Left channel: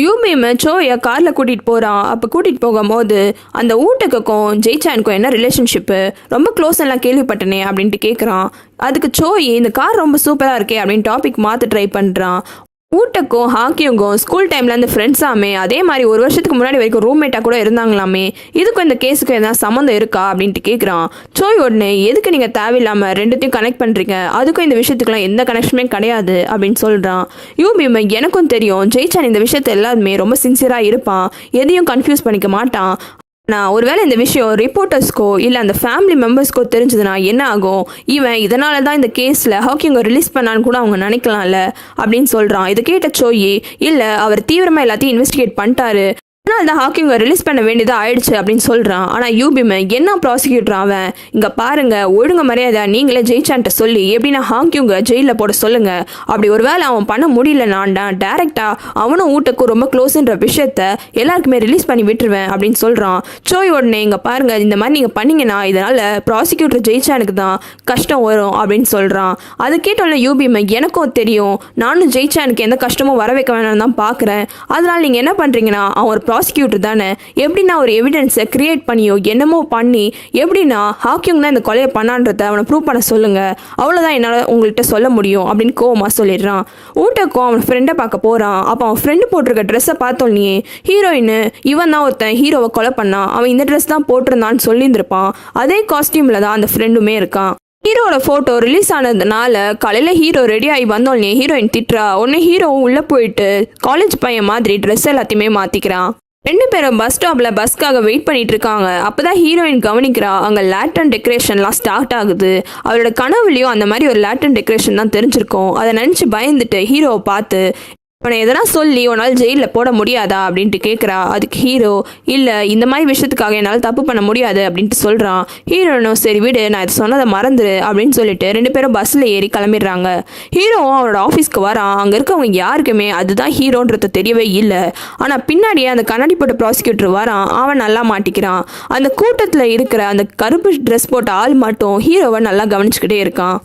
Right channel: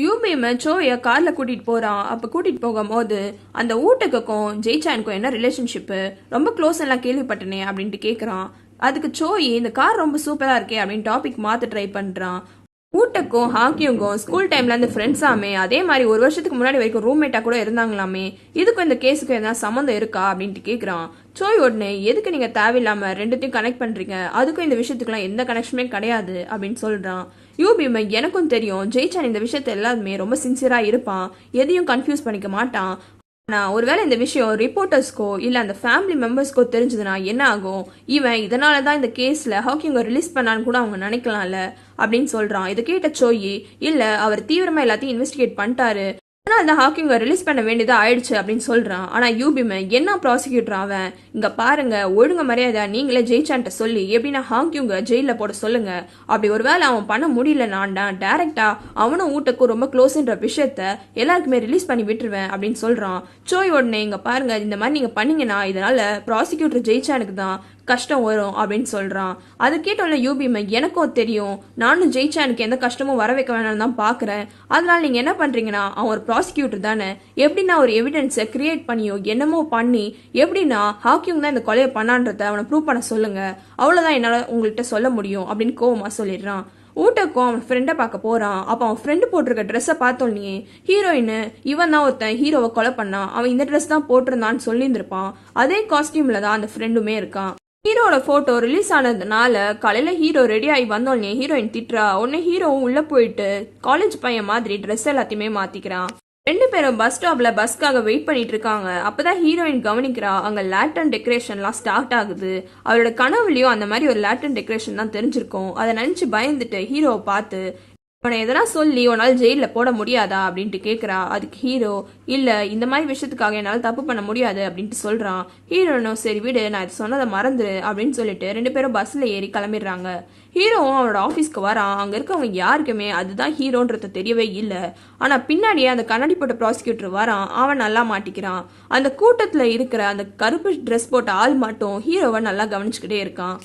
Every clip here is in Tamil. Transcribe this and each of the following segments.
யூபிஎம் சோயை காரில் கூட்டிகிட்டு போகிறான். அப்போ கூட்டிகிட்டு போகும்போது அந்த ஊட்டக்குக்கும் ஜெய்சானுக்கும் என்ன ரிலேஷன்ஷிப்பு, ரொம்ப க்ளோஸ் எல்லாம் கேள்விப்பட்டனே அப்படின்ட்டு கேட்குறான். அதுக்கு சோய் இந்த கார் ரொம்ப சூப்பராக இருக்கே அப்படின்னு டாபிக் மாற்ற ட்ரை பண்ணுறான். ஊட்டக்கும் ஹாக்கியுங்கும் ஸ்கூல் டைம்லேருந்து ஃப்ரெண்ட்ஸாமே, அதே மாதிரி ஒரு வருஷத்துக்கு முன்னாடி வரைக்கும் ரூம்மேட்டாக கூட இருந்தாங்களாமே. இதுக்கும் இந்த கேஸுக்கும் எதாவது சம்மந்தம் இருக்கா அப்படின்ட்டு கேட்குறான். சோய் உடனே எதுக்கு நீங்கள் தேவையில்லாமல் ரெண்டுத்தையும் கனெக்ட் பண்ணுறீங்க, அதுக்கும் இந்த விஷயத்துக்குலாம் எந்த கனெக்ஷனுமே கிடையாது அப்படின்னு சொல்கிறான். யூபிஎம் எனக்கும் தெரியும், ஜெய்சான் இந்த விஷயத்தை எல்லாருமே ரொம்ப சின்சியராக இருப்பான், எதையும் கன்ஃபியூஸ் பண்ணிக்க மாட்டான். நான் ஒருவேளை இந்த விஷயம் ரிப்போர்ட்டர்ஸ்க்கோ இல்லை அந்த ஃபேமிலி மெம்பர்ஸ்க்கோ தெரிஞ்சதுன்னா என்ன ஆகும், இவன் இதனால தான் இந்த கேஸில் ஹாக்கிங்கை ரிலீஸ் பண்ணான்னு கூட அவங்க நினைக்கலாம்ல அப்படின்னு சொல்கிறான். இதை கேட்ட சோயி, இல்லை அவர் தீவிரமாக எல்லாத்தையும் இன்வெஸ்டிகேட் பண்ணிட்டாரு, ஆனால் அந்த ஹாக்கிங்கை ரிலீஸ் பண்ண வேண்டியதாக ஆயிடுச்சு அப்படின்னு சொல்கிறான். ஆனால் யூபிஎம் என்ன ப்ராசிக்யூட்டர் அவன், இங்கே பாருங்க ஒழுங்கு மரியாதை நீங்களே ஜெயிச்சான்ட்ட சொல்லி எப்படின்னா ஹாக்கியுங்க ஜெயிலில் போட சொல்லுங்க. அப்படி ஒரு வேளை அவன் பண்ண முடியலனான்டா டேரெக்டாக அவனும் ஊட்டக்கும் ரொம்ப க்ளோஸ்ன்ற விஷயத்த எல்லாருக்குமே ரிலீஸ் பண்ணி விட்டுருவேன் அப்படின்னு சொல்கிறான். சோய் உடனே இங்கே பாருங்க இந்த மாதிரி நீங்கள் பண்ணீங்கன்னா இதனால் ப்ராசிக்யூட்டர் ஜெயிச்சானுக்கு தான் கஷ்டம் வரும் அப்படின்னு சொல்கிறான். அதை கேட்டோம்ல யூபிஎம் எனக்கும் தெரியும், நானும் ஜெயிச்சானுக்கு எந்த கஷ்டமும் வர வைக்க வேணாம் தான் பார்க்குறேன். அதனால் நீங்கள் என்ன பண்ணுறீங்கன்னா அவன் ப்ராசிக்யூட்டர் தானே, எப்படின்னா ஒரு எவிடன்ஸை கிரியேட் பண்ணியோ என்னமோ பண்ணி எப்படின்னா ஹாக்கிங் தான் இந்த கொலையை பண்ணான்றத அவனை ப்ரூவ் பண்ண சொல்லுங்க, அவ்வளோதான் என்னால் உங்கள்கிட்ட சொல்ல முடியும் அப்படின்னு கோவமாக சொல்லிடுறான். ஊட்டக்கும் அவன் ஃப்ரெண்டை பார்க்க போகிறான். அப்போ அவன் ஃப்ரெண்டு போட்டிருக்க ட்ரெஸ்ஸை பார்த்தோன்னே ஹீரோயின் இவன் தான் ஒருத்தன் ஹீரோவை கொலை பண்ணான், அவன் இந்த ட்ரெஸ் தான் போட்டிருந்தான்னு சொல்லியிருந்திருப்பான். அதே காஸ்டியூமில் தான் அந்த ஃப்ரெண்டுமே இருக்கான். ஹீரோட ஃபோட்டோ ரிலீஸ் ஆனதுனால காலையில் ஹீரோ ரெடி ஆகி வந்தோடனே ஹீரோயின் திட்டுறா. உடனே ஹீரோவும் உள்ளே போயிட்டு காலேஜ் பையன் மாதிரி ட்ரெஸ் எல்லாத்தையுமே மாற்றிக்கிறான். ரெண்டு பேரும் பஸ் ஸ்டாப்ல பஸ்க்காக வெயிட் பண்ணிட்டு இருக்காங்க. அப்பதான் ஹீரோயின் கவனிக்கிறா, அங்க லேட்டன் டெக்கரேஷன்லாம் ஸ்டார்ட் ஆகுது. அவளோட கனவுலையும் அந்த மாதிரி ஒரு லேட்டன் டெக்கரேஷன் தான் தெரிஞ்சிருக்கும். அதை நினைச்சு பயந்துட்டு ஹீரோவை பார்த்து, உன்னை எதனா சொல்லி உன்னால் ஜெயிலில் போட முடியாதா அப்படின்ட்டு கேட்குறா. அதுக்கு ஹீரோ, இல்லை இந்த மாதிரி விஷயத்துக்காக என்னால் தப்பு பண்ண முடியாது அப்படின்ட்டு சொல்கிறான். ஹீரோனும் சரி விடு, நான் இது சொன்னதை மறந்துடு அப்படின்னு சொல்லிட்டு ரெண்டு பேரும் பஸ்ஸில் ஏறி கிளம்பிடுறாங்க. ஹீரோவும் அவனோட ஆஃபீஸ்க்கு வரான். அங்கே இருக்கவங்க யாருக்குமே அதுதான் ஹீரோன்றது தெரியவே இல்லை. ஆனால் பின்னாடியே அந்த கண்ணாடி போட்ட ப்ராசிக்யூட்டர் வரான். அவன் நல்லா மாட்டிக்கிறான். அந்த கூட்டத்தில் இருக்கிற அந்த கருப்பு ட்ரெஸ் போட்ட ஆள் மட்டும் ஹீரோவை நல்லா கவனிச்சுக்கிட்டே இருக்கான்.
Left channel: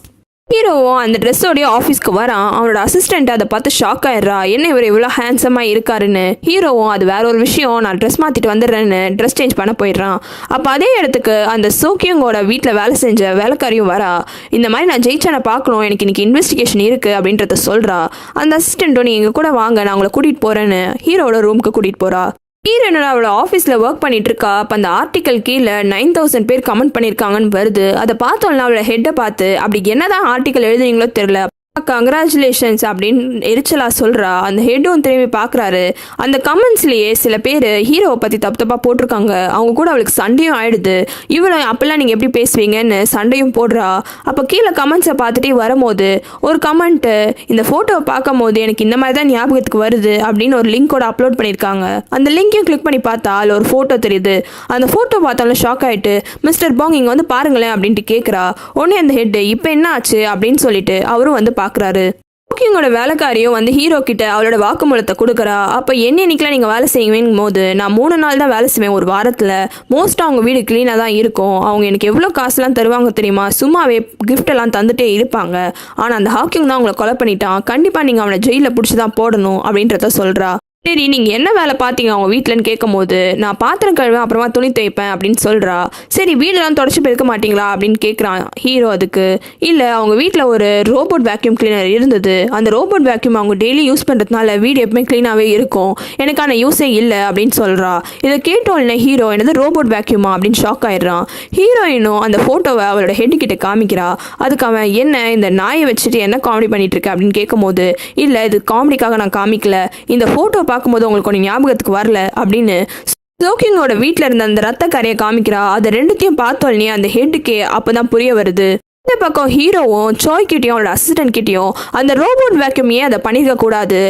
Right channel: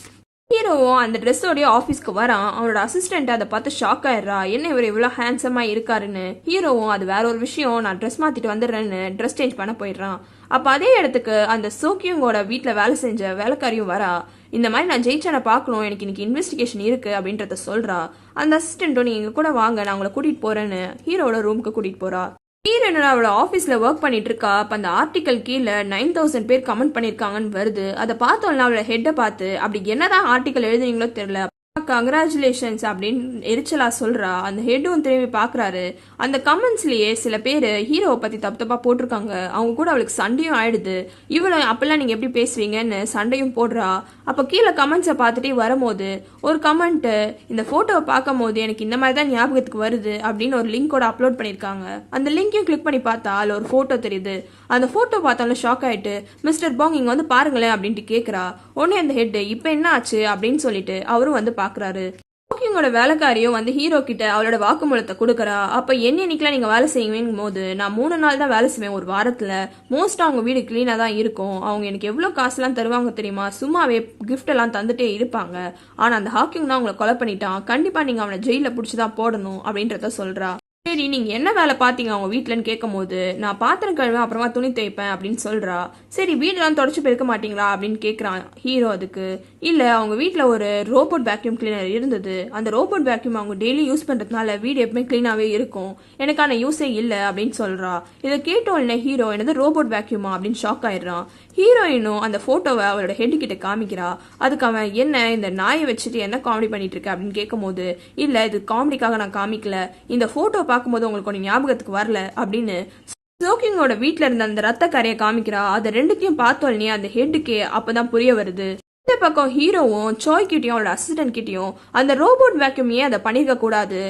ஹீரோவும் அந்த ட்ரெஸ்ஸோடைய ஆஃபீஸ்க்கு வரான். அவனோட அசிஸ்டண்ட் அதை பார்த்து ஷாக் ஆயிடுறா, என்ன இவர் இவ்வளோ ஹேண்ட்ஸமாக இருக்காருன்னு. ஹீரோவும் அது வேற ஒரு விஷயம், நான் ட்ரெஸ் மாற்றிட்டு வந்துடுறேன்னு ட்ரெஸ் சேஞ்ச் பண்ண போயிடுறான். அப்போ அதே இடத்துக்கு அந்த சோக்கியங்கோட வீட்டில் வேலை செஞ்ச வேலைக்காரியும் வரா. இந்த மாதிரி நான் ஜெயிச்சானை பார்க்கணும், எனக்கு இன்னைக்கு இன்வெஸ்டிகேஷன் இருக்குது அப்படின்றத சொல்கிறா. அந்த அசிஸ்டண்ட்டும் நீ எங்கள் கூட வாங்க, நான் உங்களை கூட்டிகிட்டு போகிறேன்னு ஹீரோட ரூமுக்கு கூட்டிகிட்டு போகிறா. ஹீரோனோட அவளோட ஆஃபீஸில் ஒர்க் பண்ணிட்டு இருக்கா. அப்போ அந்த ஆர்டிக்கல் கீழே 9000 பேர் கமெண்ட் பண்ணியிருக்காங்கன்னு வருது. அதை பார்த்தோம்னா அவளோட ஹெட்டை பார்த்து, அப்படி என்னதான் ஆர்டிக்கல் எழுதுறீங்களோ தெரியல, கங்க்ராச்சுலேஷன்ஸ் அப்படின்னு எரிச்சலாக சொல்கிறா. அந்த ஹெட்டும் திரும்பி பார்க்குறாரு. அந்த கமெண்ட்ஸ்லேயே சில பேர் ஹீரோவை பற்றி தப்பு தப்பாக போட்டிருக்காங்க. அவங்க கூட அவளுக்கு சண்டையும் ஆயிடுது. இவனை அப்போல்லாம் நீங்கள் எப்படி பேசுவீங்கன்னு சண்டையும் போடுறா. அப்போ கீழே கமெண்ட்ஸை பார்த்துட்டே வரும்போது ஒரு கமெண்ட்டு, இந்த ஃபோட்டோவை பார்க்கும் போது எனக்கு இந்த மாதிரி தான் ஞாபகத்துக்கு வருது அப்படின்னு ஒரு லிங்கோட அப்லோட் பண்ணியிருக்காங்க. அந்த லிங்கையும் கிளிக் பண்ணி பார்த்தா அதில் ஒரு ஃபோட்டோ தெரியுது. அந்த ஃபோட்டோ பார்த்தாலும் ஷாக் ஆகிட்டு, மிஸ்டர் பாங் இங்கே வந்து பாருங்களேன் அப்படின்ட்டு கேட்குறா. உடனே அந்த ஹெட்டு, இப்போ என்ன ஆச்சு அப்படின்னு சொல்லிட்டு அவரும் வந்து பார்க்குறாரு. ஹாக்கிங்கோட வேலைக்காரியும் வந்து ஹீரோ கிட்ட அவளோட வாக்குமூலத்தை கொடுக்குறா. அப்போ என்னைக்கெல்லாம் நீங்கள் வேலை செய்வீங்கும் போது, நான் 3 நாள் தான் வேலை செய்வேன் ஒரு வாரத்தில். மோஸ்ட்டாக அவங்க வீடு க்ளீனாக தான் இருக்கும். அவங்க எனக்கு எவ்வளோ காசுலாம் தருவாங்க தெரியுமா, சும்மாவே கிஃப்டெல்லாம் தந்துட்டே இருப்பாங்க. ஆனால் அந்த ஹாக்கிங் தான் அவங்கள கொலை பண்ணிட்டான், கண்டிப்பாக நீங்கள் அவனை ஜெயிலில் பிடிச்சி தான் போடணும் அப்படின்றத சொல்கிறா. சரி நீங்கள் என்ன வேலை பார்த்தீங்க அவங்க வீட்டிலன்னு கேட்கும் போது, நான் பாத்திரம் கழுவேன் அப்புறமா துணி துவைப்பேன் அப்படின்னு சொல்கிறா. சரி வீடெல்லாம் தொடச்சி போயிருக்க மாட்டீங்களா அப்படின்னு கேட்குறான் ஹீரோ. அதுக்கு இல்லை, அவங்க வீட்டில் ஒரு ரோபோட் வேக்யூம் கிளீனர் இருந்தது. அந்த ரோபோட் வேக்யூம் அவங்க டெய்லி யூஸ் பண்ணுறதுனால வீடு எப்பவுமே க்ளீனாகவே இருக்கும், எனக்கான யூஸே இல்லை அப்படின்னு சொல்கிறா. இதை கேட்டோன்னே ஹீரோ, என்னது ரோபோட் வேக்யூமா அப்படின்னு ஷாக் ஆயிடுறான். ஹீரோயினும் அந்த ஃபோட்டோவை அவளோட ஹெட்டுக்கிட்ட காமிக்கிறா. அதுக்கு அவன், என்ன இந்த நாயை வச்சுட்டு என்ன காமெடி பண்ணிட்டு இருக்க அப்படின்னு கேட்கும்போது, இல்லை இது காமெடிக்காக நான் காமிக்கல, இந்த ஃபோட்டோ பார்க்கும்போது உங்களுக்கு ஒன்று ஞாபகத்துக்கு வரல அப்படின்னு சோக்கிங்கோட வீட்டில் இருந்த அந்த ரத்த கரையை காமிக்கிறா. அதை ரெண்டுத்தையும் பார்த்தோன்னே அந்த ஹெட்டுக்கே அப்போதான் புரிய வருது. இந்த பக்கம் ஹீரோவும் சோய் கிட்டேயும் அவளோட அசிஸ்டன்ட் கிட்டேயும் அந்த ரோபோட் வேக்யூம் ஏன் அதை பண்ணிருக்க கூடாது,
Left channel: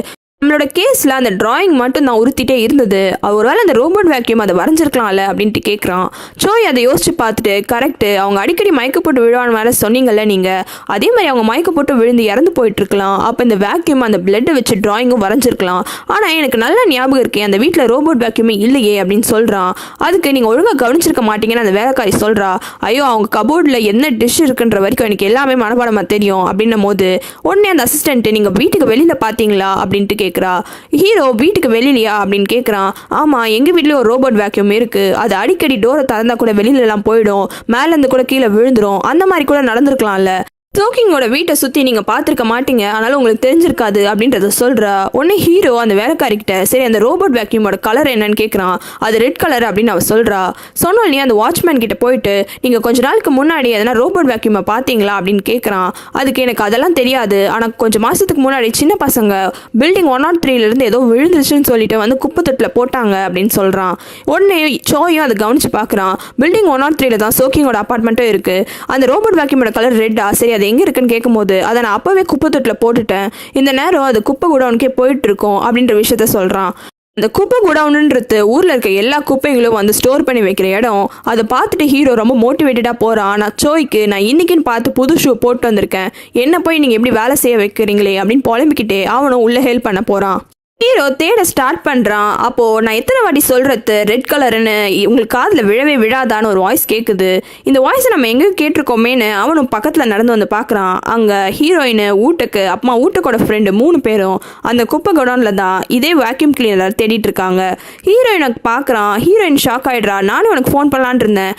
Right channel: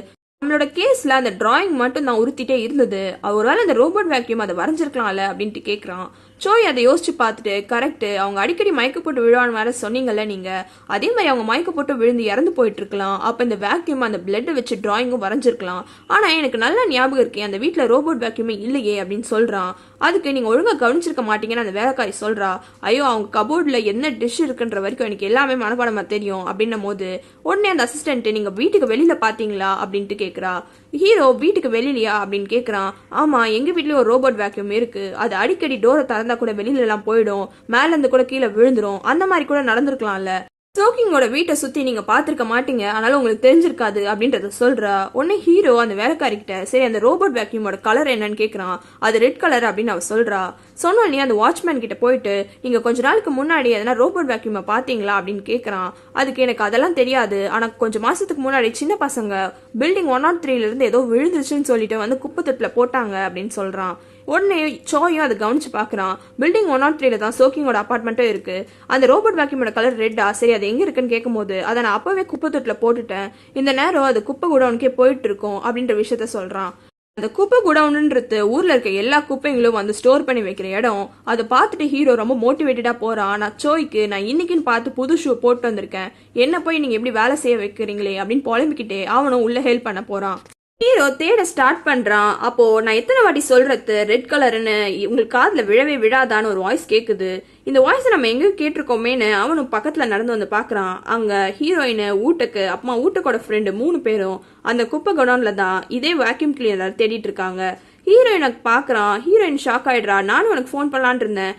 நம்மளோட கேஸில் அந்த டிராயிங் மட்டும் நான் உறுத்திட்டே இருந்தது, ஒருவேளை அந்த ரோபோட் வேக்யூம் அதை வரைஞ்சிருக்கலாம்ல அப்படின்ட்டு கேட்குறான். சோய் அதை யோசிச்சு பார்த்துட்டு, கரெக்டு, அவங்க அடிக்கடி மயக்க போட்டு விழுவான்னு வேற சொன்னீங்கல்ல நீங்கள், அதே மாதிரி அவங்க மயக்க போட்டு விழுந்து இறந்து போயிட்டு இருக்கலாம். அப்போ இந்த வேக்யூம் அந்த பிளட்டை வச்சு டிராயிங்கும் வரைஞ்சிருக்கலாம். ஆனால் எனக்கு நல்ல ஞாபகம் இருக்கேன், அந்த வீட்டில் ரோபோட் வேக்யூமே இல்லையே அப்படின்னு சொல்கிறான். அதுக்கு நீங்கள் ஒழுங்காக கவனிச்சிருக்க மாட்டீங்கன்னு அந்த வேலைக்காரி சொல்கிறா. ஐயோ அவங்க கபோர்டில் என்ன டிஷ் இருக்குன்ற வரைக்கும் எனக்கு எல்லாமே மனப்பாடமாக தெரியும் அப்படின்னும் போது உடனே அந்த அசிஸ்டன்ட்டு, நீங்கள் வீட்டுக்கு வெளியில் பார்த்தீங்களா அப்படின்ட்டு கேட்குறா. ஹீரோ வீட்டுக்கு வெளியிலையா அப்படின்னு கேட்குறான். ஆமாம், எங்கள் வீட்லேயும் ஒரு ரோபோட் வேக்யூம் இருக்குது, அது அடிக்கடி டோரை திறந்தா கூட வெளியிலலாம் போயிடும், மேலேருந்து கூட கீழே விழுந்துடும், அந்த மாதிரி கூட நடந்திருக்கலாம்ல. சோக்கிங்கோட வீட்டை சுற்றி நீங்கள் பார்த்துருக்க மாட்டீங்க, அதனால உங்களுக்கு தெரிஞ்சிருக்காது அப்படின்றத சொல்கிறா. உடனே ஹீரோ அந்த வேலைக்காரிக்கிட்ட சரி அந்த ரோபோட் வேக்யூமோட கலர் என்னன்னு கேட்குறான். அது ரெட் கலர் அப்படின்னு அவள் சொல்கிறா. சொன்னோடனே அந்த வாட்ச்மேன் கிட்ட போயிட்டு நீங்கள் கொஞ்ச நாளுக்கு முன்னாடி எதனா ரோபோட் வேக்யூமை பார்த்தீங்களா அப்படின்னு கேட்குறான். அதுக்கு எனக்கு அதெல்லாம் தெரியாது, ஆனால் கொஞ்சம் மாதத்துக்கு முன்னாடி சின்ன பசங்க பில்டிங் 103 ஏதோ விழுந்துச்சுன்னு சொல்லிட்டு வந்து குப்பை தொட்டில் போட்டாங்க அப்படின்னு சொல்கிறான். உடனே சோயும் அதை கவனிச்சு பார்க்குறான். பில்டிங் 103 தான் சோக்கிங்கோட அப்பார்ட்மெண்ட்டும் இருக்குது. அந்த ரோபோட் வேக்யூமோட கலர் ரெட்டா, சரி அது எங்கே இருக்குன்னு கேட்கும்போது அதை நான் அப்போவே குப்பை தொட்டில் போட்டுட்டேன், இந்த நேரம் அது குப்பை குடவுனுக்கே போயிட்டு இருக்கோம் அப்படின்ற விஷயத்த சொல்கிறான். அந்த குப்பை குடவுன்றது ஊரில் இருக்க எல்லா குப்பைகளும் வந்து ஸ்டோர் பண்ணி வைக்கிற இடம். அதை பார்த்துட்டு ஹீரோ ரொம்ப மோட்டிவேட்டடாக போகிறான். நான் சோய்க்கு நான் இன்னைக்குன்னு பார்த்து புது ஷூ போட்டு வந்திருக்கேன், என்ன போய் நீங்கள் எப்படி வேலை செய்ய வைக்கிறீங்களே அப்படின்னு புலம்பிக்கிட்டே அவனும் உள்ளே ஹெல்ப் பண்ண போகிறான். ஹீரோ தேட ஸ்டார்ட் பண்ணுறான். அப்போது நான் எத்தனை வாட்டி சொல்கிறது ரெட் கலருன்னு உங்களுக்கு காதில் விழவே விழாதான்னு ஒரு வாய்ஸ் கேட்குது. இந்த வாய்ஸை நம்ம எங்கேயும் கேட்டிருக்கோமேன்னு அவனும் பக்கத்தில் நடந்து வந்து பார்க்குறான். அங்கே ஹீரோயின் ஊட்டுக்கு அம்மா ஊட்டுக்கோட ஃப்ரெண்டு 3 பேரும் அந்த குப்பை குடோனில் தான் இதே வேக்யூம் கிளீனர் தேடிட்டு இருக்காங்க. ஹீரோயினை பார்க்குறான். ஹீரோயின் ஷாக் ஆகிடுறா. நானும் உனக்கு ஃபோன் பண்ணலான் இருந்தேன்,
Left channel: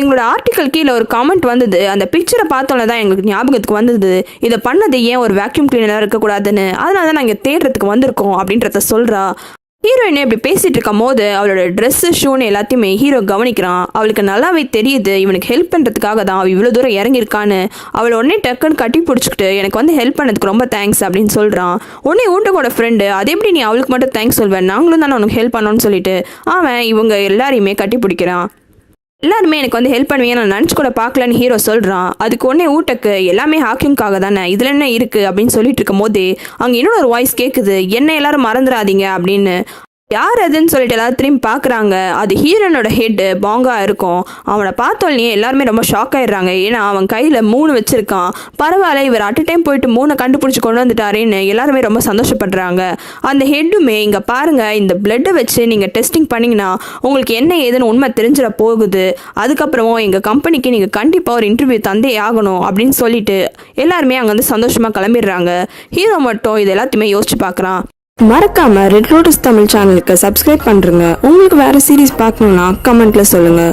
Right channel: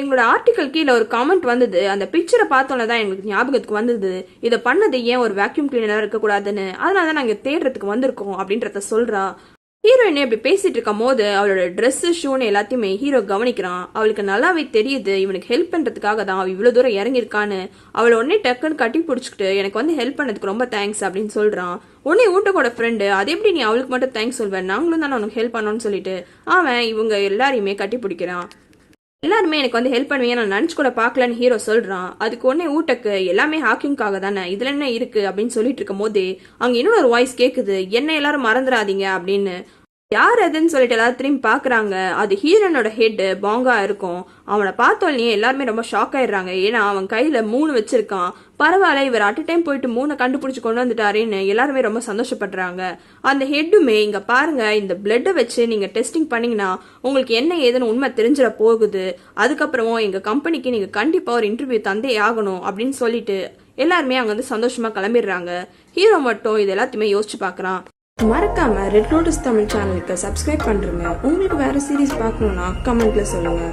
எங்களோட ஆர்டிக்கல் கீழே ஒரு காமெண்ட் வந்தது, அந்த பிக்சரை பார்த்தோன்னே தான் எங்களுக்கு ஞாபகத்துக்கு வந்தது, இதை பண்ணது ஏன் ஒரு வேக்யூம் கிளீனராக இருக்கக்கூடாதுன்னு, அதனால தான் நாங்கள் தேடுறதுக்கு வந்திருக்கோம் அப்படின்றத சொல்கிறா. ஹீரோயின் இப்படி பேசிகிட்டு இருக்கும் போது அவளோட ட்ரெஸ்ஸு ஷூன்னு எல்லாத்தையுமே ஹீரோ கவனிக்கிறான். அவளுக்கு நல்லாவே தெரியுது இவனுக்கு ஹெல்ப் பண்ணுறதுக்காக தான் அவள் இவ்வளோ தூரம் இறங்கியிருக்கான்னு. அவளை உடனே டக்குன்னு கட்டி பிடிச்சிக்கிட்டு எனக்கு வந்து ஹெல்ப் பண்ணதுக்கு ரொம்ப தேங்க்ஸ் அப்படின்னு சொல்கிறான். உடனே ஊட்டக்கோட ஃப்ரெண்டு அது எப்படி நீ அவளுக்கு மட்டும் தேங்க்ஸ் சொல்வேன், நாங்களும் தானே உனக்கு ஹெல்ப் பண்ணோன்னு சொல்லிட்டு அவன் இவங்க எல்லாரையுமே கட்டி பிடிக்கிறான். எல்லாருமே எனக்கு வந்து ஹெல்ப் பண்ணுவீங்க, நான் நினச்சி கூட பார்க்கலன்னு ஹீரோ சொல்கிறான். அதுக்கு ஒன்றே ஊட்டக்கு எல்லாமே ஹாக்கிங்காக தானே, இதில் என்ன இருக்குது அப்படின்னு சொல்லிட்டு இருக்கும் போதே அங்கே இன்னொரு வாய்ஸ் கேட்குது, என்ன எல்லாரும் மறந்துடாதீங்க அப்படின்னு. யார் அதுன்னு சொல்லிட்டு எல்லாரும் திரும்பி பார்க்குறாங்க. அது ஹீரோனோட ஹெட்டு பாங்கா இருக்கும். அவனை பார்த்தோன்னே எல்லாருமே ரொம்ப ஷாக் ஆயிடுறாங்க. ஏன்னா அவன் கையில் 3 வச்சுருக்கான். பரவாயில்ல, இவர் அட் டைம் போயிட்டு 3 கண்டுபிடிச்சி கொண்டு வந்துட்டாரேன்னு எல்லாருமே ரொம்ப சந்தோஷப்படுறாங்க. அந்த ஹெட்டுமே இங்கே பாருங்கள், இந்த பிளட்டை வச்சு நீங்கள் டெஸ்டிங் பண்ணிங்கன்னா உங்களுக்கு என்ன ஏதுன்னு உண்மை தெரிஞ்சிட போகுது, அதுக்கப்புறம் எங்கள் கம்பெனிக்கு நீங்கள் கண்டிப்பாக ஒரு இன்டர்வியூ தந்தே ஆகணும் அப்படின்னு சொல்லிட்டு எல்லாருமே அங்கே வந்து சந்தோஷமாக கிளம்பிடுறாங்க. ஹீரோ மட்டும் இது எல்லாத்தையுமே யோசிச்சு பார்க்குறான். மறக்காம ரெட் லோட்டஸ் தமிழ் சேனலுக்கு சப்ஸ்கிரைப் பண்ணுறங்க. உங்களுக்கு வேறு சீரீஸ் பார்க்கணுன்னா கமெண்ட்டில் சொல்லுங்கள்.